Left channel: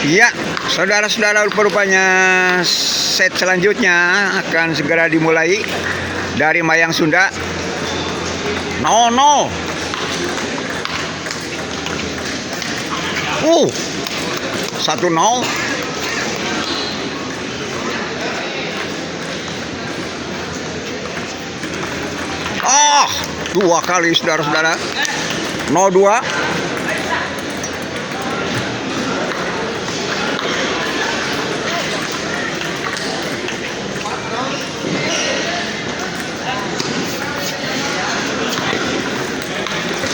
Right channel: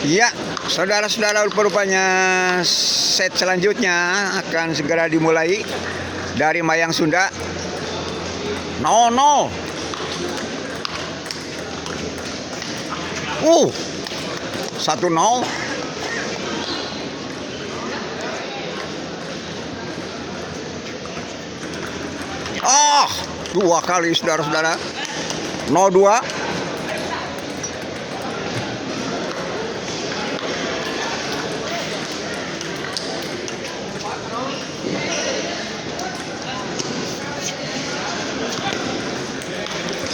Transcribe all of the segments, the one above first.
Iya, saudara-saudara, rupanya set selanjutnya akan segera dimulai dari Mayang Sunda. 0-0. 1-0. Dua kali saudara-saudara. 0-2.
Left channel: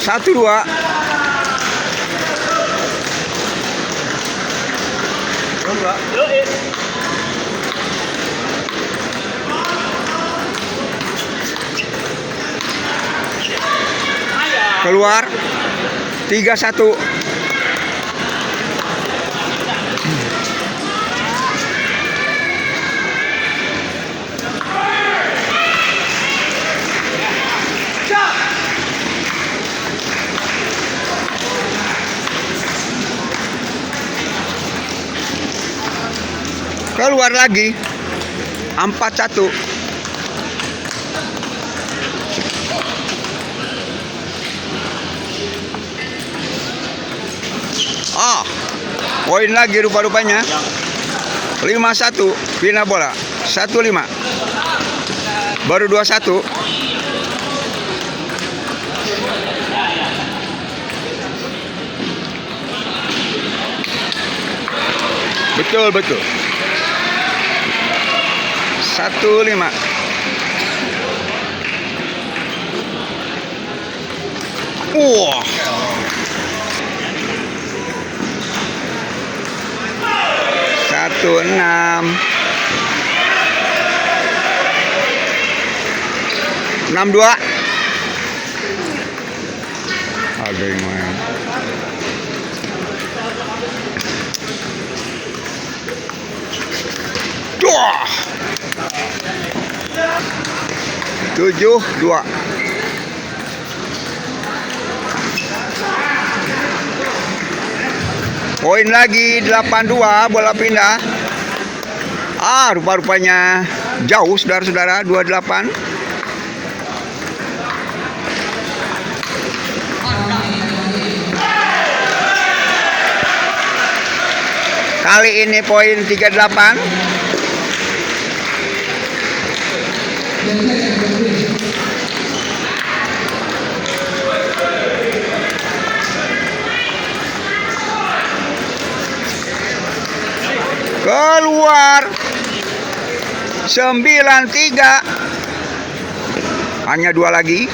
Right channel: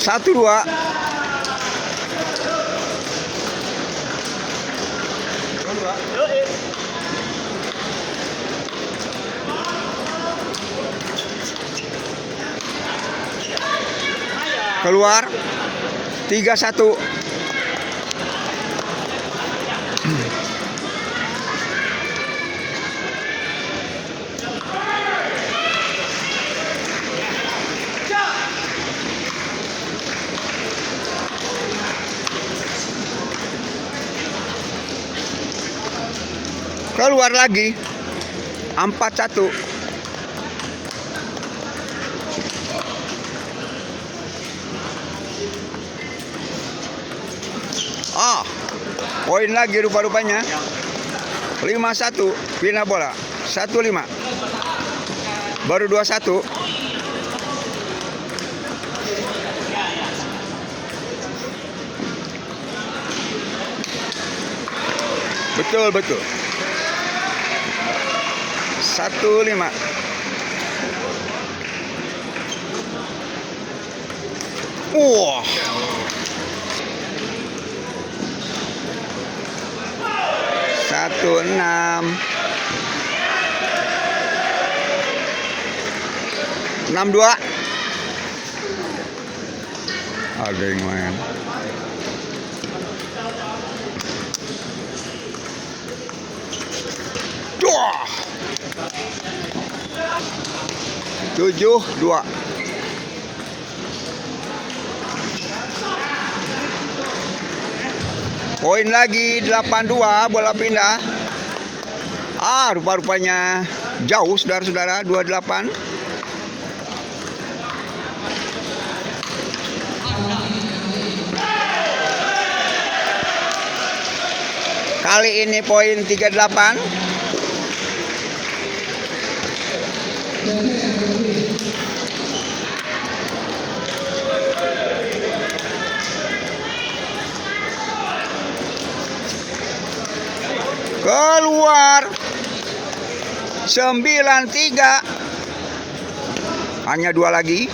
Satu dua. Keluar 3-1. Keluar lagi 4-1. Poin lagi rupa-rupanya. 5-1. Pindah bola 1-5. Baru 2-1. Betul. 1-5. Wah. 1-6. 6-2. Aduh, main. Wah. 7-2. Poin lagi 8-2. Bola pindah. Rupa-rupanya jauh saudara-saudara. 2-8. Kali ini poin 38. Keluar 9-3. Hanya 2 lagi.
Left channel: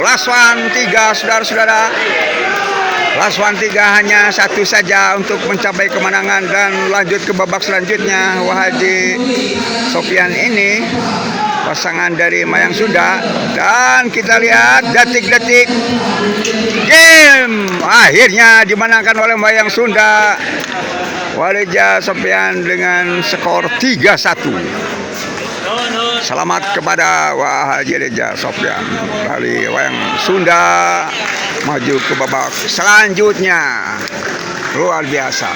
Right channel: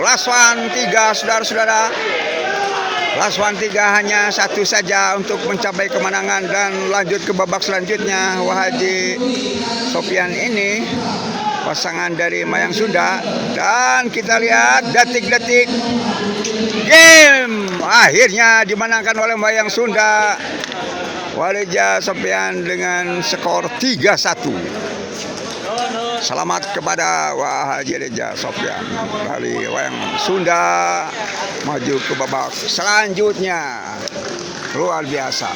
Last one 3 saudara-saudara. Last one 3 hanya 1 saja untuk mencapai kemenangan dan lanjut ke babak selanjutnya. Haji Sofian ini pasangan dari Mayang Sunda, dan kita lihat detik-detik game akhirnya dimenangkan oleh Mayang Sunda. Haji Sofian dengan skor 3-1. Selamat kepada Haji Sofian dari Mayang Sunda, maju ke babak selanjutnya. Luar biasa.